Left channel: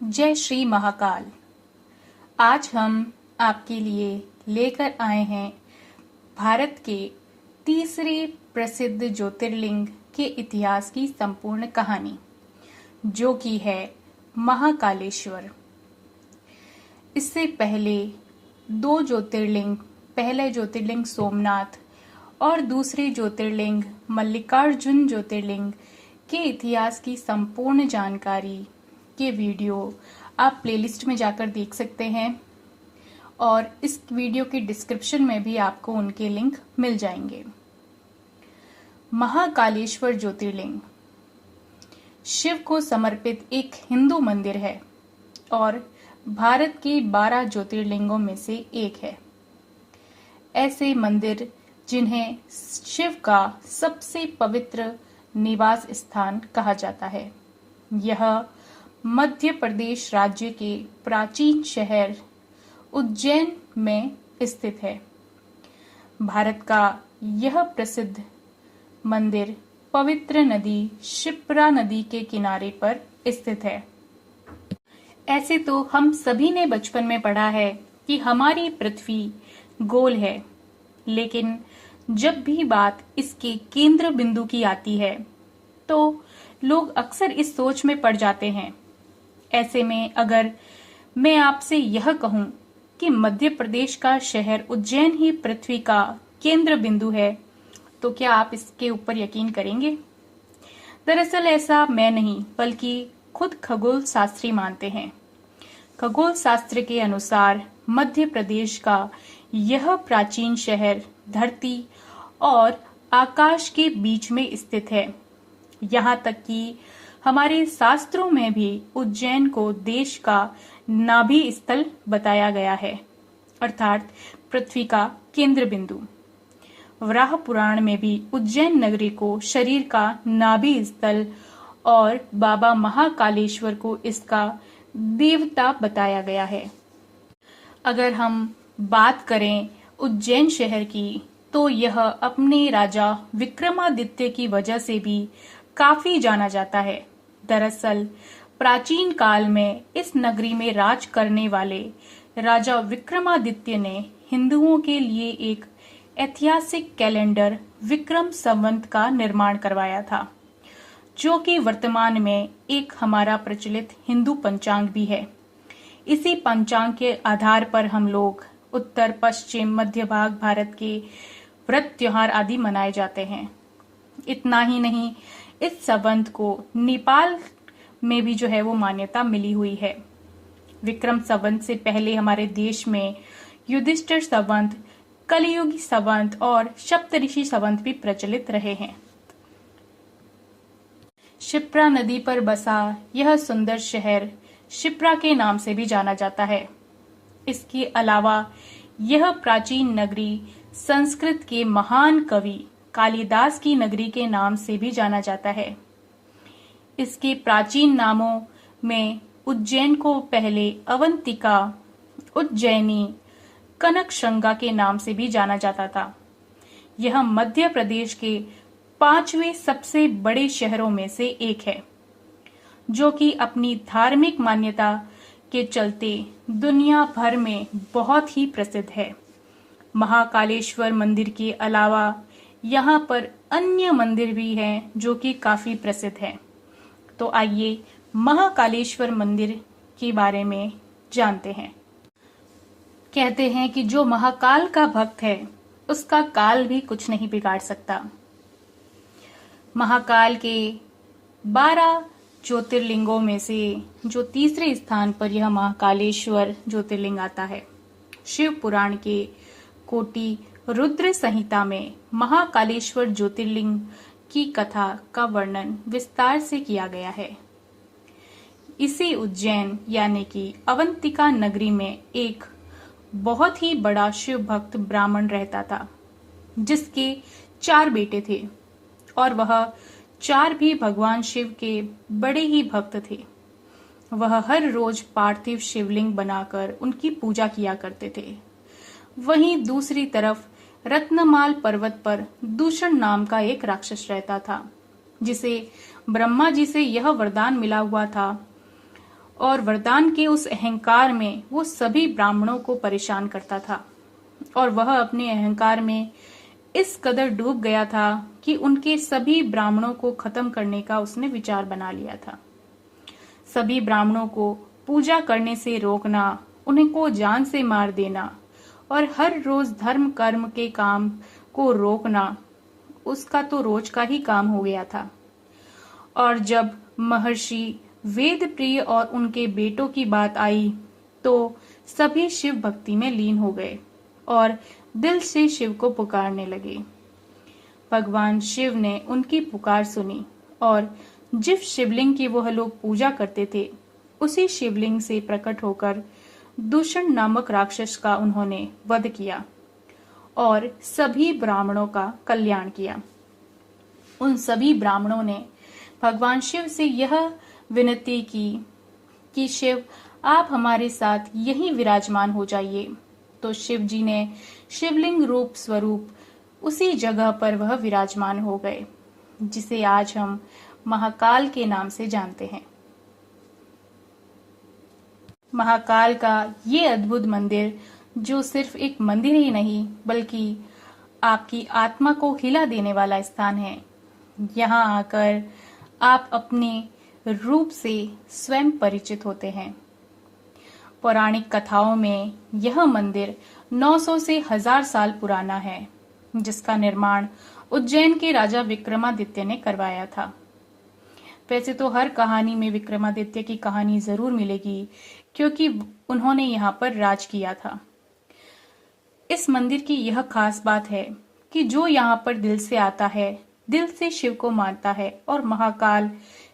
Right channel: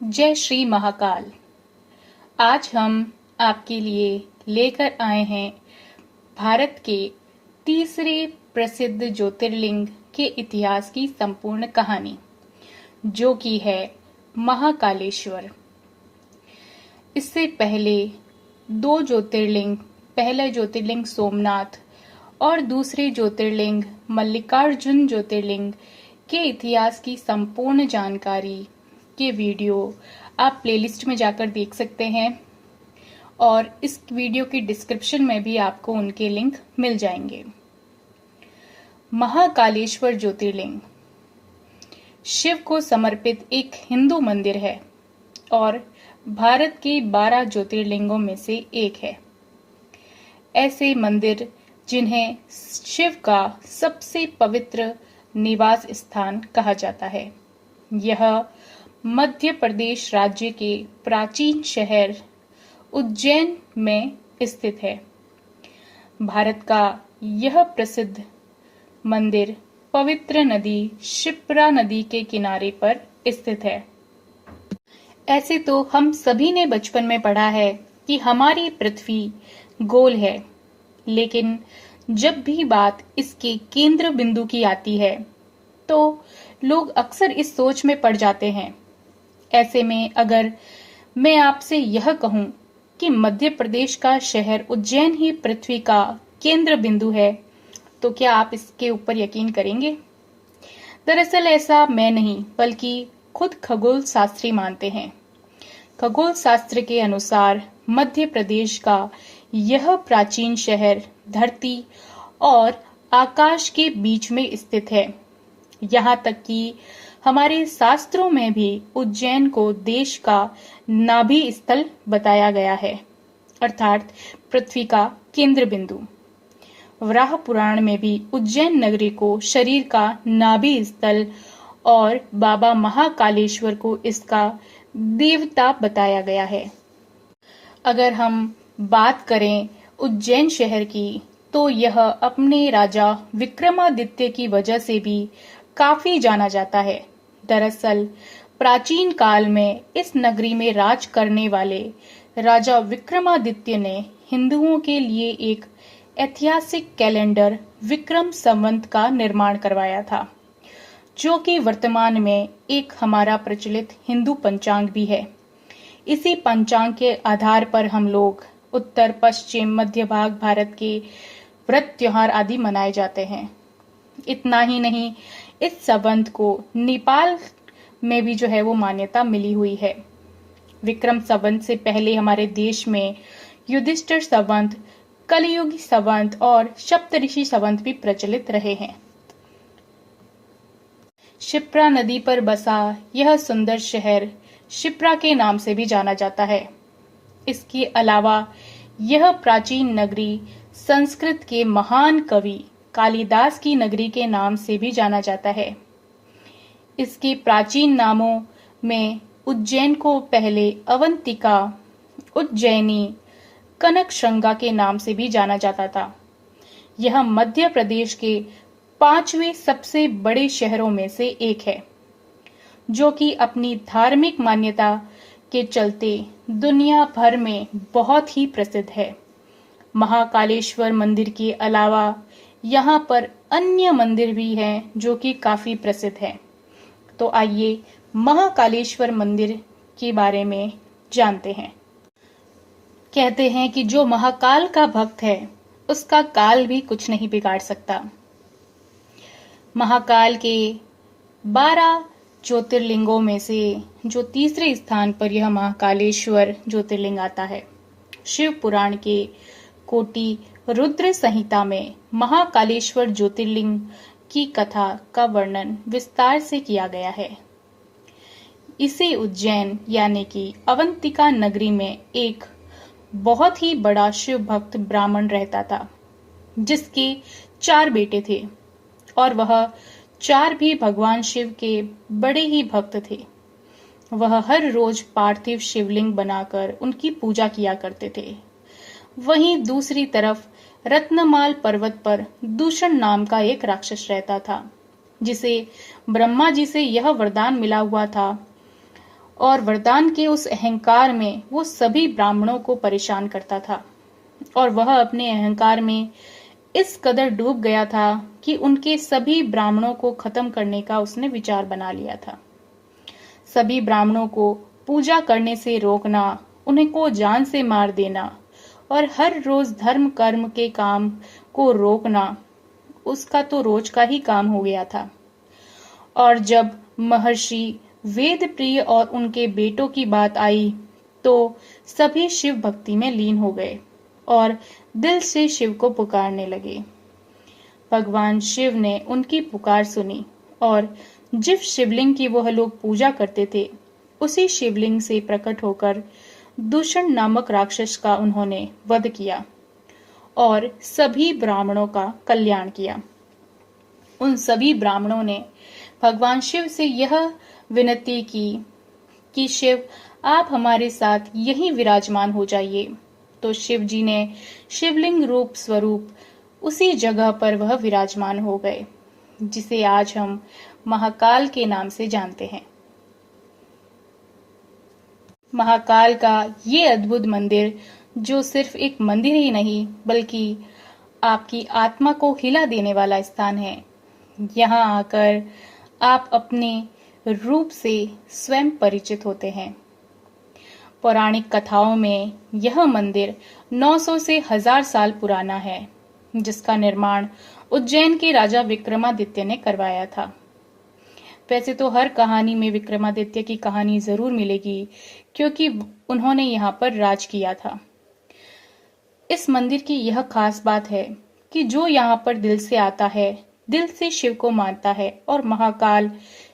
जय श्री महाकाल। आज हम आपके लिए लेकर आए हैं भारत के तीसरे प्रसिद्ध ज्योतिर्लिंग के इतिहास की संपूर्ण कहानी, जो कि है महाकालेश्वर। इससे पहले दो ज्योतिर्लिंग, पहला ज्योतिर्लिंग सोमनाथ और दूसरे ज्योतिर्लिंग मल्लिकार्जुन ज्योतिर्लिंग के इतिहास की संपूर्ण जानकारी के वीडियो आप प्लेलिस्ट में जाकर देख सकते हैं और इस वीडियो की डिस्क्रिप्शन में भी आपको उनके लिंक मिल जाएंगे। महाकालेश्वर ज्योतिर्लिंग शिव को समर्पित एक हिंदू मंदिर है और भारत के 12 ज्योतिर्लिंगों में से एक है। ऐसे मंदिर जिन्हें शिव का सबसे पवित्र निवास स्थान कहा जाता है, यह मध्य प्रदेश राज्य के प्राचीन शहर उज्जैन में स्थित है। भारत का यह प्रसिद्ध मंदिर पवित्र नदी शिप्रा नदी के किनारे पर स्थित है। ऐसे तो हम सभी ने बचपन में पढ़ा है कि हमारी पृथ्वी गोल है, लेकिन जब भी बात इसके केंद्र बिंदु की आती है तो लोग अक्सर इस सोच में पड़ जाते हैं। ऐसे में अगर मैं आपसे यह कहूं कि मध्य प्रदेश का शहर उज्जैन ही पृथ्वी का केंद्र बिंदु है, तो क्या आप इसके ऊपर यकीन करेंगे? दरअसल ऐसा मैं नहीं, बल्कि खुद खगोल शास्त्री मानते हैं। खगोल शास्त्र के अनुसार मध्य प्रदेश का यह प्राचीन शहर धरती और आकाश के बीच में स्थित है। यहाँ तक कि हमारे शास्त्रों में भी उज्जैन को देश का नाभि स्थल बताया गया है, अर्थात पृथ्वी का केंद्र बिंदु। वराह पुराण में भी उज्जैन नगरी को शरीर का नाभि स्थल और बाबा महाकालेश्वर को इसका देवता बताया गया है। अगर हम बात करें उज्जैन शहर की, तो यह अपने राजा विक्रमादित्य की वजह से भी काफी जाना जाता है। दरअसल प्राचीन काल में इस नगरी में राज करने वाले राजा विक्रमादित्य ने हिंदुओं के लिए एक ऐतिहासिक कैलेंडर विक्रम संवत का निर्माण करवाया था, जो कि वर्तमान में एक हमारा प्रचलित हिंदू पंचांग भी है। इसी पंचांग के आधार पर हम लोग उत्तर, पश्चिम, मध्य भाग भारत के व्रत त्योहार आदि मनाए जाते हैं। इतना ही नहीं, इस संवत को नेपाल में भी जो है वो मान्यता मिली हुई है। विक्रम संवत से पहले हमारे देश में युधिष्ठिर संवत, कलियुगी संवत और सप्तऋषि संवत भी प्रचलित रहे हैं। शिप्रा नदी पर बसा यह सुंदर शहर शिप्रा के नाम से भी जाना जाता है। इसके अलावा यह प्राचीन नगरी संस्कृत के महान कवि कालिदास की नगरी के नाम से भी जाना जाता है। इसके प्राचीन नामों में उज्जैन को पहले अवंतिका, उज्जैनी, कनकशृंगा के नाम से भी जाना जाता था। यह मध्य प्रदेश के 5वें सबसे बड़े शहरों में से एक है, जो कि अपनी धार्मिक मान्यता के चलते दुनिया भर में बहुत ही प्रसिद्ध है। महाकालेश्वर मंदिर के अलावा यहाँ पर अन्य मंदिर भी हैं जो कि काफी प्रसिद्ध हैं। तो आइए महाकालेश्वर मंदिर के बारे में जानते हैं। कहते हैं कि जो महाकाल का भक्त है, उसका काल भी कुछ नहीं बिगाड़ सकता। महाकाल के 12 ज्योतिर्लिंगों में से जो तीसरे स्थान पर यह महाकालेश्वर ज्योतिर्लिंग आता है। शिव पुराण के कोटि रुद्र संहिता में महाकालेश्वर ज्योतिर्लिंग की कथा का वर्णन विस्तार से किया गया है। इसे उज्जैन यानी कि अवंतिका नगरी में एक बहुत ही बड़ा शिव भक्त ब्राह्मण रहता था, जिसके 4 बेटे थे और वह 4 भी भगवान शिव के बड़े ही भक्त थे। वह हर रोज पार्थिव शिवलिंग बनाकर उनकी पूजा किया करते थे। वहीं दूसरी तरफ रत्नमाल पर्वत पर दूषण नाम का एक राक्षस रहता था, जिसे ब्रह्मा जी से यह वरदान मिला हुआ था और वरदान के उस अहंकार में वो सभी ब्राह्मणों को परेशान करता था और वह अपने अहंकार में इस कदर डूब गया था कि उनके सभी ब्राह्मणों को खत्म करने का उसने विचार बना लिया था। सभी ब्राह्मणों को पूजा करने से रोकना, उन्हें को जान से मार देना और हर रोज धर्म कर्म के काम को रोकना उसका तो रोज का ही काम हो गया था। और जब महर्षि वेद प्रिय और उनके बेटों की बात आई तो सभी शिव भक्ति में लीन हो गए और दिल से शिव को पुकारने लगे। भगवान शिव ने उनकी पुकार सुनी और जिस शिवलिंग की वह लोग पूजा करते थे उसी शिवलिंग से प्रकट होकर दूषण नामक राक्षस का उन्होंने वध किया और सभी ब्राह्मणों का कल्याण किया। उन सभी ब्राह्मणों ने भगवान शिव से यह विनती की कि शिव आप हमारे साथ यहीं विराजमान हो जाइए। तो शिव जी ने शिवलिंग रूप स्वरूप उसी जगह पर वह विराजमान हो गए जिसे आज हम महाकाल के नाम से जानते हैं। महाकाल का ये अद्भुत मंदिर जो सिर्फ एक मंदिर ही नहीं बल्कि आपकी आत्मा को हिला देने वाला स्थान है। यहाँ आकर आप अपने रूप से स्वयं परिचित होते हैं। पौराणिक कथाओं में यह मंदिर 900 से 1000 साल पुराना है जिसका निर्माण उज्जैन के राजा विक्रमादित्य ने करवाया था। वैसे तो हर कहानी में विक्रमादित्य की कहानी जरूर मिलेगी क्योंकि उन्होंने यहाँ पर राज किया था। इस मंदिर की यह खास बात है कि जो यहाँ पर दिल से आता है, दिल से शिव को मानता है और महाकाल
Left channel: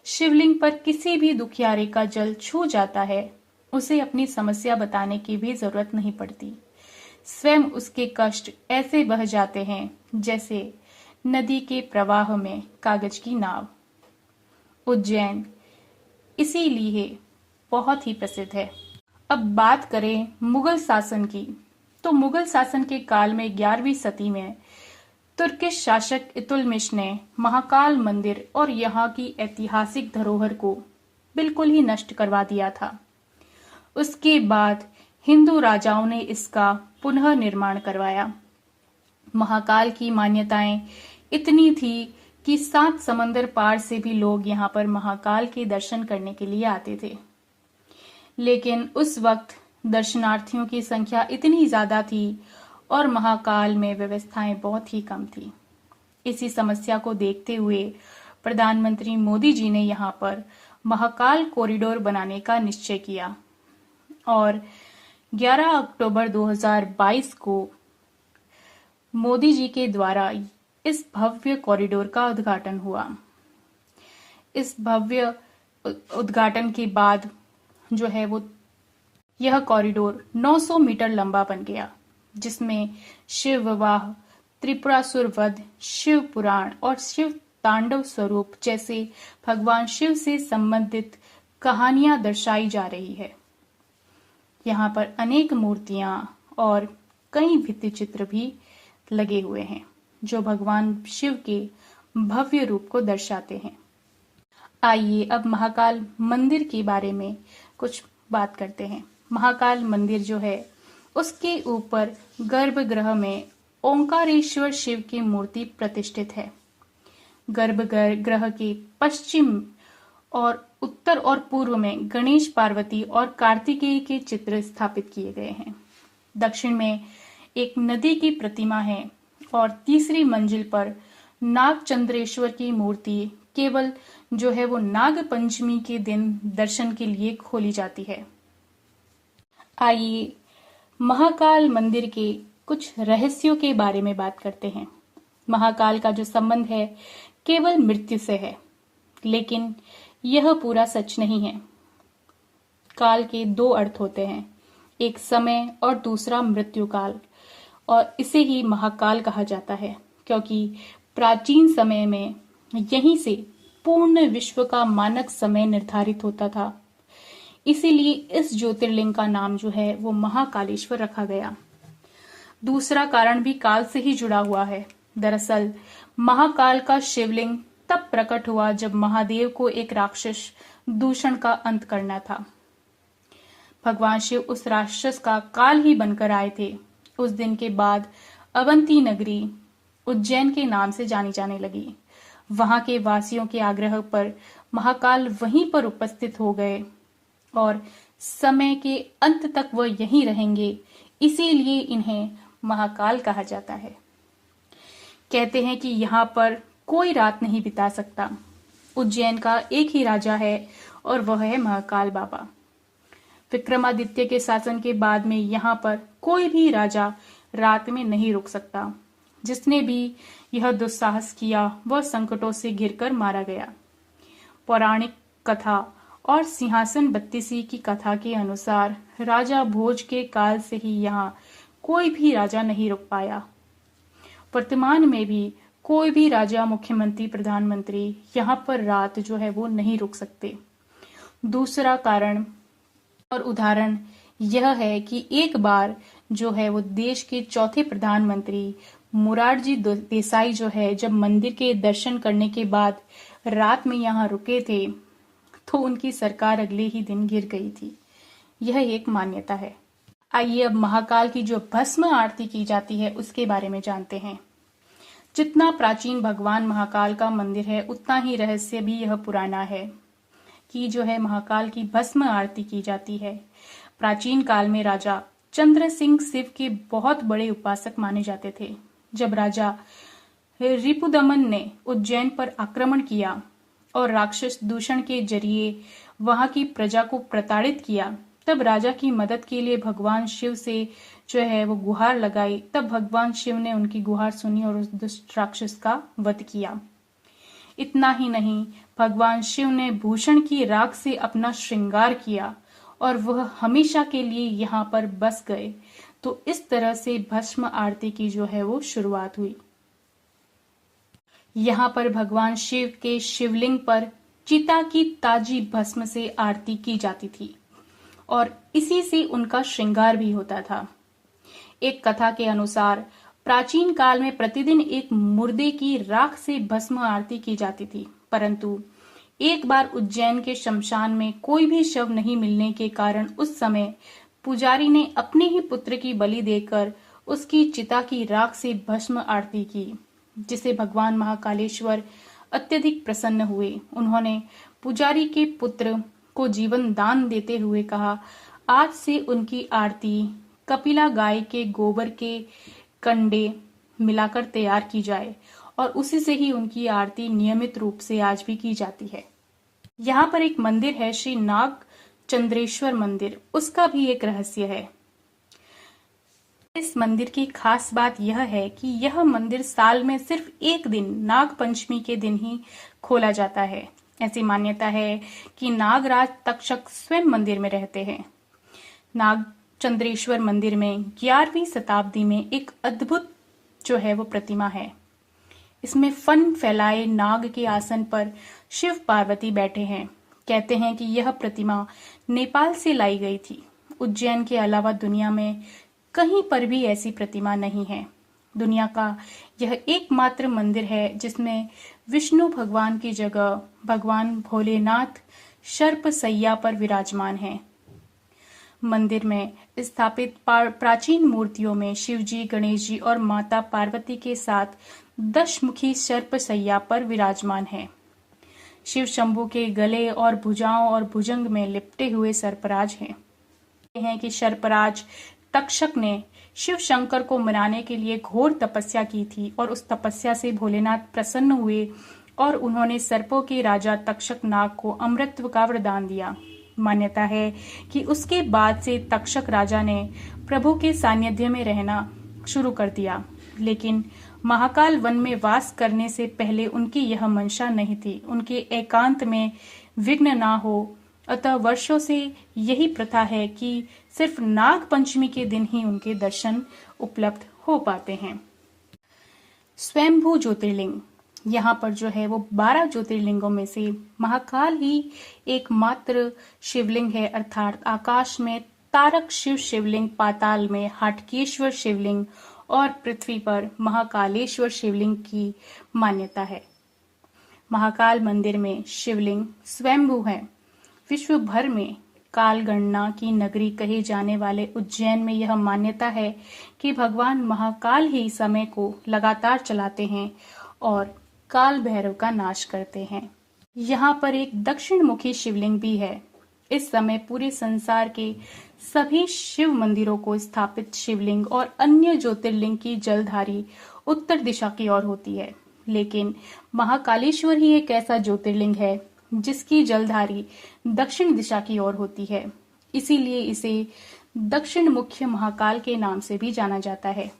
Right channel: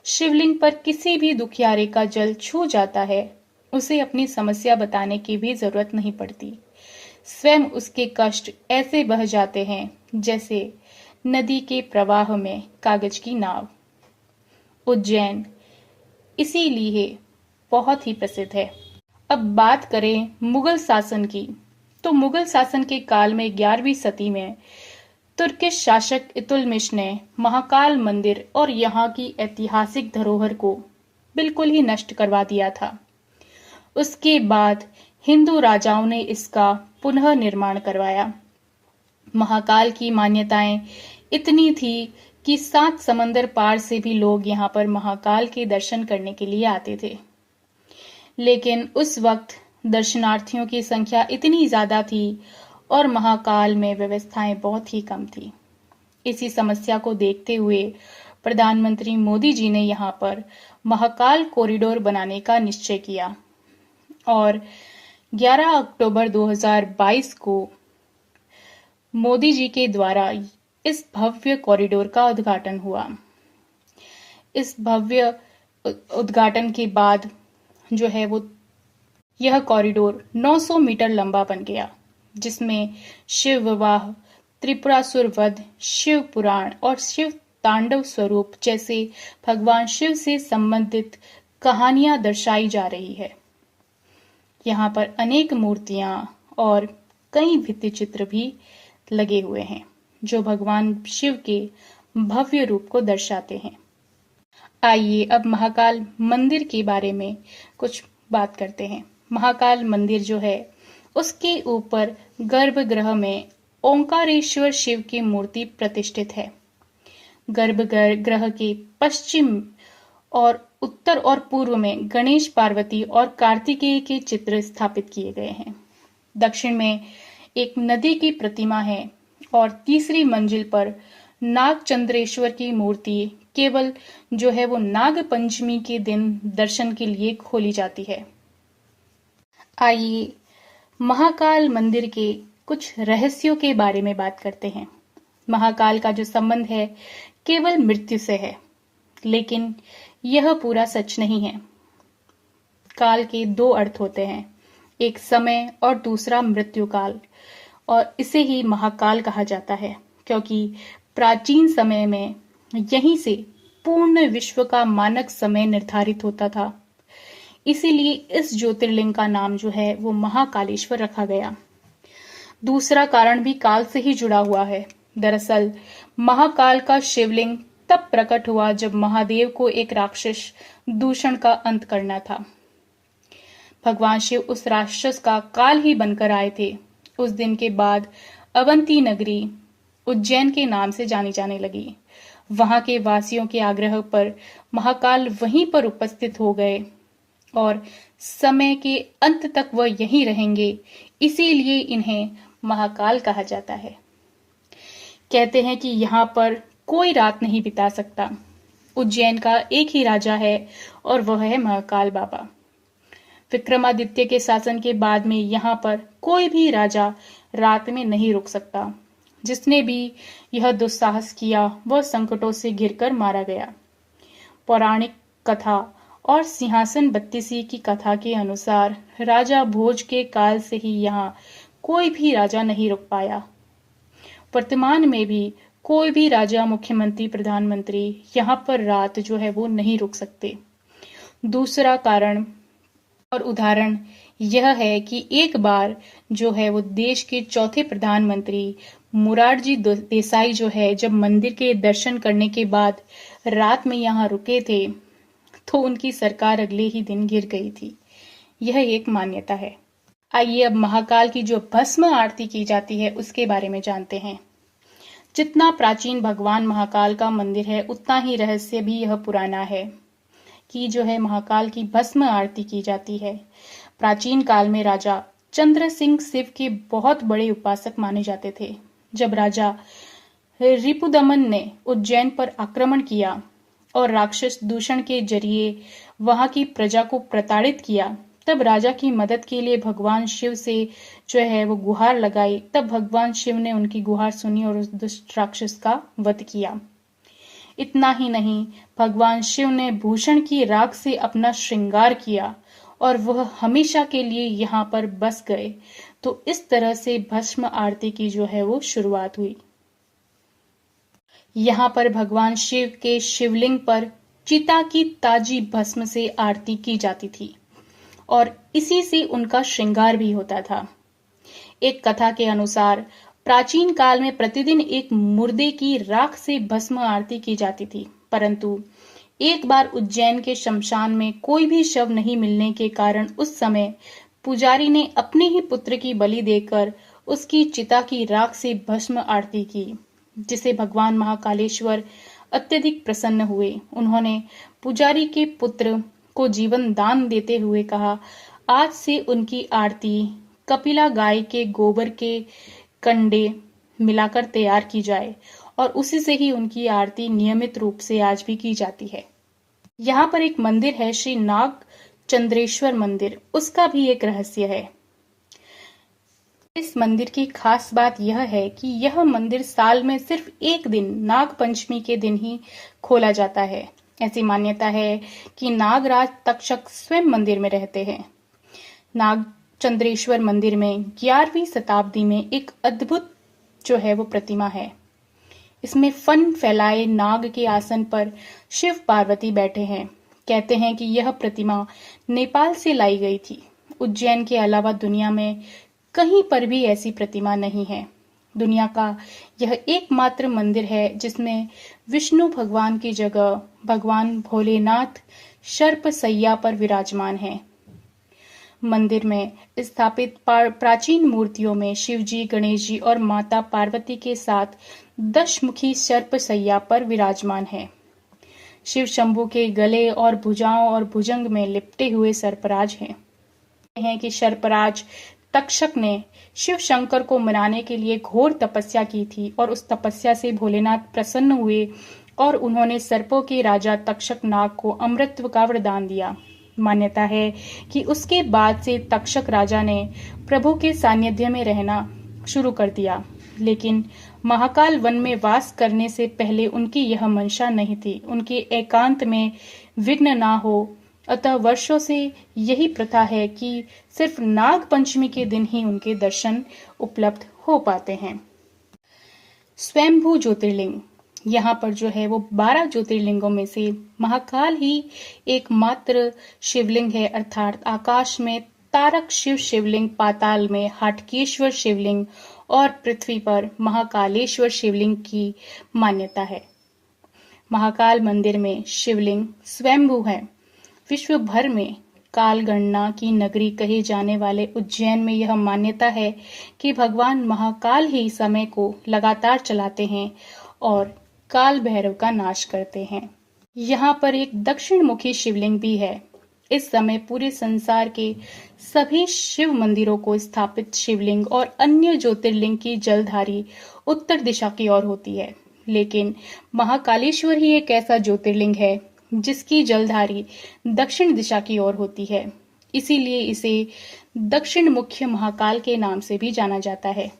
शिवलिंग पर किसी भी दुखियारे का जल छू जाता है, उसे अपनी समस्या बताने की भी जरूरत नहीं पड़ती। स्वयं उसके कष्ट ऐसे बह जाते हैं जैसे नदी के प्रवाह में कागज की नाव। उज्जैन इसीलिए बहुत ही प्रसिद्ध है। अब बात करें मुगल शासन की, तो मुगल शासन के काल में 11वीं सदी में तुर्किश शासक इल्तुतमिश ने महाकाल मंदिर और यहाँ की ऐतिहासिक धरोहर को बिल्कुल ही नष्ट करवा दिया था। उसके बाद हिंदू राजाओं ने इसका पुनः निर्माण करवाया। महाकाल की मान्यताएं इतनी थी कि 7 समंदर पार से भी लोग यहाँ पर महाकाल के दर्शन करने के लिए आते थे। लेकिन उस वक्त दर्शनार्थियों की संख्या इतनी ज्यादा थी और महाकाल में व्यवस्थाएं बहुत ही कम थी। इसी समस्या को देखते हुए प्रधानमंत्री मोदी जी ने यहाँ पर महाकाल कॉरिडोर बनाने का निश्चय किया और 11 अक्टूबर 2022 को मोदी जी के द्वारा इस भव्य कॉरिडोर का उद्घाटन हुआ। इस भव्य उद्घाटन के बाद जो है वो यह कॉरिडोर 900 मीटर लंबा बन गया जिसमें शिव विवाह, त्रिपुरासुर वध, शिव पुराण और शिव तांडव स्वरूप जैसे भगवान शिव से संबंधित कहानियां दर्शाई जा रही है। यहाँ पर अनेक मूर्तियां और कई भित्ति चित्र भी लगे हुए हैं जो भगवान शिव के भव्य रूप को दर्शाते हैं। आइए अब महाकाल मंदिर के बारे में कुछ बात करते हैं। महाकाल मंदिर जो है उसके ऊपर गर्भगृह में ओंकारेश्वर शिव की मूर्ति प्रतिष्ठित है। गर्भगृह के पश्चिम और उत्तर और पूर्व में गणेश, पार्वती और कार्तिकेय के चित्र स्थापित किए गए हैं। दक्षिण में एक नदी की प्रतिमा है और तीसरी मंजिल पर नागचंद्रेश्वर की मूर्ति केवल जो है वो नाग पंचमी के दिन दर्शन के लिए खोली जाती है। आइए महाकाल मंदिर के कुछ रहस्यों के बारे में बात करते हैं। महाकाल का जो संबंध है केवल मृत्यु से है, लेकिन यह पूरा सच नहीं है। काल के 2 अर्थ होते हैं, एक समय और दूसरा मृत्यु काल, और इसे ही महाकाल कहा जाता है क्योंकि प्राचीन समय में यहीं से पूर्ण विश्व का मानक समय निर्धारित होता था। इसीलिए इस ज्योतिर्लिंग का नाम जो है वो महाकालेश्वर रखा गया। दूसरा कारण भी काल से ही जुड़ा हुआ है। दरअसल महाकाल का शिवलिंग तब प्रकट हुआ जब महादेव को एक राक्षस दूषण का अंत करना था। भगवान शिव उस राक्षस का काल ही बनकर आए थे। उस दिन के बाद अवंती नगरी उज्जैन के नाम से जानी जाने लगी। वहां के वासियों के आग्रह पर महाकाल वहीं पर उपस्थित हो गए और समय के अंत तक वह यहीं रहेंगे, इसीलिए इन्हें महाकाल कहा जाता है। कहते हैं कि यहाँ पर कोई रात नहीं बिता सकता। उज्जैन का एक ही राजा है और वह है महाकाल बाबा। विक्रमादित्य के शासन के बाद में यहाँ पर कोई भी राजा रात में नहीं रुक सकता। जिसने भी यह दुस्साहस किया वह संकटों से घिरकर मारा गया। पौराणिक कथा और सिंहासन बत्तीसी की कथा के अनुसार राजा भोज के काल से ही यहाँ कोई भी राजा नहीं रुक पाया। वर्तमान में भी कोई भी राजा, मुख्यमंत्री, प्रधानमंत्री यहाँ पर रात जो है वो नहीं रुक सकते। दूसरा कारण और उदाहरण यह है कि एक बार जो है वो देश के चौथे प्रधानमंत्री मोरारजी देसाई जो है, जब मंदिर के दर्शन करने के बाद रात में यहाँ रुके थे तो उनकी सरकार अगले ही दिन गिर गई थी। यह एक मान्यता है। आइए अब महाकाल की जो भस्म आरती की जाती है उसके बारे में जानते हैं। जितना प्राचीन भगवान महाकाल का मंदिर है उतना ही रहस्य भी यह पुराना है कि जो है महाकाल की भस्म आरती की जाती है। प्राचीन काल में राजा चंद्र सिंह शिव के बहुत बड़े उपासक माने जाते थे। जब राजा रिपुदमन ने उज्जैन पर आक्रमण किया और राक्षस दूषण के जरिए वहां की प्रजा को प्रताड़ित किया, तब राजा की मदद के लिए भगवान शिव से जो है वो गुहार लगाई। तब भगवान शिव ने उनकी गुहार सुनी और उस दुष्ट राक्षस का वध किया। इतना ही नहीं, भगवान शिव ने भूषण की राख से अपना श्रृंगार किया और वह हमेशा के लिए यहाँ पर बस गए। तो इस तरह से भस्म आरती की जो है वो शुरुआत हुई। यहाँ पर भगवान शिव के शिवलिंग पर चिता की ताजी भस्म से आरती की जाती थी और इसी से उनका श्रृंगार भी होता था। एक कथा के अनुसार प्राचीन काल में प्रतिदिन एक मुर्दे की राख से भस्म आरती की जाती थी, परंतु एक बार उज्जैन के शमशान में कोई भी शव नहीं मिलने के कारण उस समय पुजारी ने अपने ही पुत्र की बलि देकर उसकी चिता की राख से भस्म आरती की, जिसे भगवान महाकालेश्वर अत्यधिक प्रसन्न हुए। उन्होंने पुजारी के पुत्र को जीवन दान देते हुए कहा, आज से उनकी आरती कपिला गाय के गोबर के कंडे मिलाकर तैयार की जाए और उसी से ही उनकी आरती नियमित रूप से आज भी की जाती है। यहाँ पर एक मंदिर है, श्री नाग चंद्रेश्वर मंदिर, उसका भी एक रहस्य है। इस मंदिर की खास बात यह है कि यह मंदिर साल में सिर्फ एक दिन, नाग पंचमी के दिन ही खोला जाता है। ऐसी मान्यता है कि नागराज तक्षक स्वयं मंदिर में रहते हैं। नाग चंद्रेश्वर मंदिर में 11वीं शताब्दी में एक अद्भुत जो है वो प्रतिमा है। इसमें फन फैलाए नाग के आसन पर शिव पार्वती बैठे हैं। कहते हैं कि यह प्रतिमा नेपाल से लाई गई थी। उज्जैन के अलावा दुनिया में कहीं पर भी ऐसी प्रतिमा नहीं है। दुनिया का यह एकमात्र मंदिर है जिसमें विष्णु भगवान की जगह भगवान भोलेनाथ सर्प सैया पर विराजमान हैं। मंदिर में स्थापित प्राचीन मूर्तियों में शिवजी, गणेश जी और माता पार्वती के साथ 10 मुखी सर्प सैया पर विराजमान है। शिव शंभु के गले और भुजाओं और भुजंग में लिपटे हुए सर्पराज हैं कि सर्पराज तक्षक ने शिव शंकर को मनाने के लिए घोर तपस्या की थी और उस तपस्या से भोलेनाथ प्रसन्न हुए और उन्होंने सर्पों के राजा तक्षक नाग को अमृतत्व का वरदान दिया। मान्यता है कि उसके बाद से तक्षक राजा ने प्रभु के सानिध्य में रहना शुरू कर दिया, लेकिन महाकाल वन में वास करने से पहले उनकी यह मंशा नहीं थी। उनके एकांत में विघ्न ना हो, अतः वर्षों से यही प्रथा है कि सिर्फ नाग पंचमी के दिन ही उनके दर्शन उपलब्ध हो पाते हैं। स्वयंभू ज्योतिर्लिंग, यहाँ पर जो है वो 12 ज्योतिर्लिंगों में से महाकाल ही एकमात्र शिवलिंग है, अर्थात आकाश में तारक शिव शिवलिंग, पाताल में हाटकेश्वर शिवलिंग और पृथ्वी पर महाकालेश्वर शिवलिंग की मान्यता है। महाकाल मंदिर में शिवलिंग स्वयंभू है। विश्व भर में काल गणना की नगरी कहे जाने वाले उज्जैन में यह मान्यता है कि भगवान महाकाल ही समय को लगातार चलाते हैं और काल भैरव का नाश करते हैं। यहाँ पर एक दक्षिण मुखी शिवलिंग भी है। इस समय पूरे संसार के सभी शिव मंदिरों को स्थापित शिवलिंग और अन्य ज्योतिर्लिंग की जलधारी उत्तर दिशा की ओर होती है, लेकिन महाकालेश्वर ही एक ऐसा ज्योतिर्लिंग है जिसकी जलधारी दक्षिण दिशा की ओर होती है। इसीलिए इसे दक्षिण मुख्य महाकाल के नाम से भी जाना जाता है।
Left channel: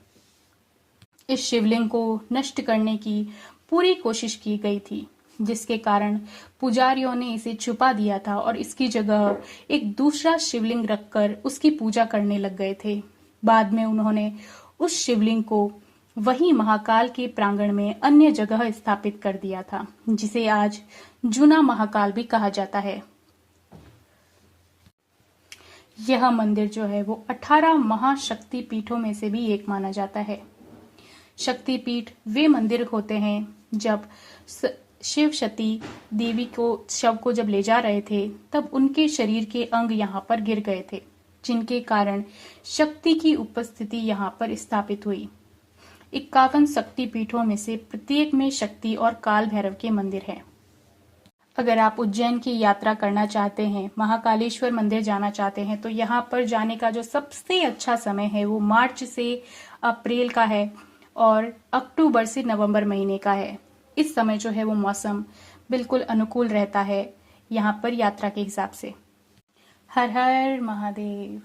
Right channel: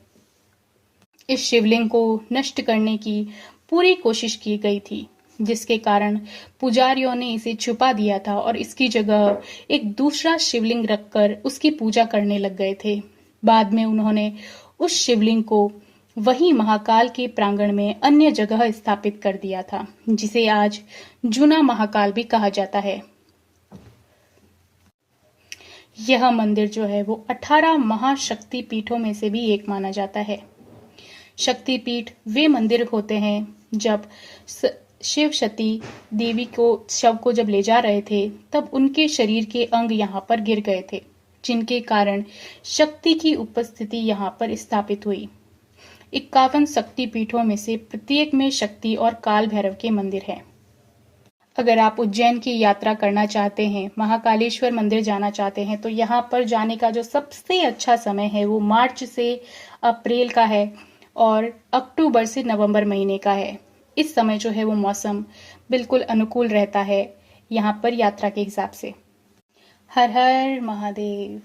इस शिवलिंग को नष्ट करने की पूरी कोशिश की गई थी, जिसके कारण पुजारियों ने इसे छुपा दिया था और इसकी जगह एक दूसरा शिवलिंग रखकर उसकी पूजा करने लग गए थे। बाद में उन्होंने उस शिवलिंग को वही महाकाल के प्रांगण में अन्य जगह स्थापित कर दिया था, जिसे आज जूना महाकाल भी कहा जाता है। यह मंदिर जो है वो 18 महाशक्ति पीठों में से भी एक माना जाता है। शक्तिपीठ वे मंदिर होते हैं जब शिव सती देवी को शव को जब ले जा रहे थे तब उनके शरीर के अंग यहाँ पर गिर गए थे, जिनके कारण शक्ति की उपस्थिति यहाँ पर स्थापित हुई। 51 शक्ति पीठों में से प्रत्येक में शक्ति और काल भैरव के मंदिर हैं। अगर आप उज्जैन की यात्रा करना चाहते हैं, महाकालेश्वर मंदिर जाना चाहते हैं, तो यहाँ पर जाने का जो सबसे अच्छा समय है वो मार्च से अप्रैल का है और अक्टूबर से नवंबर महीने का है। इस समय जो है वो मौसम बिल्कुल अनुकूल रहता है यहाँ पर यात्रा के हिसाब से। हर हर महादेव।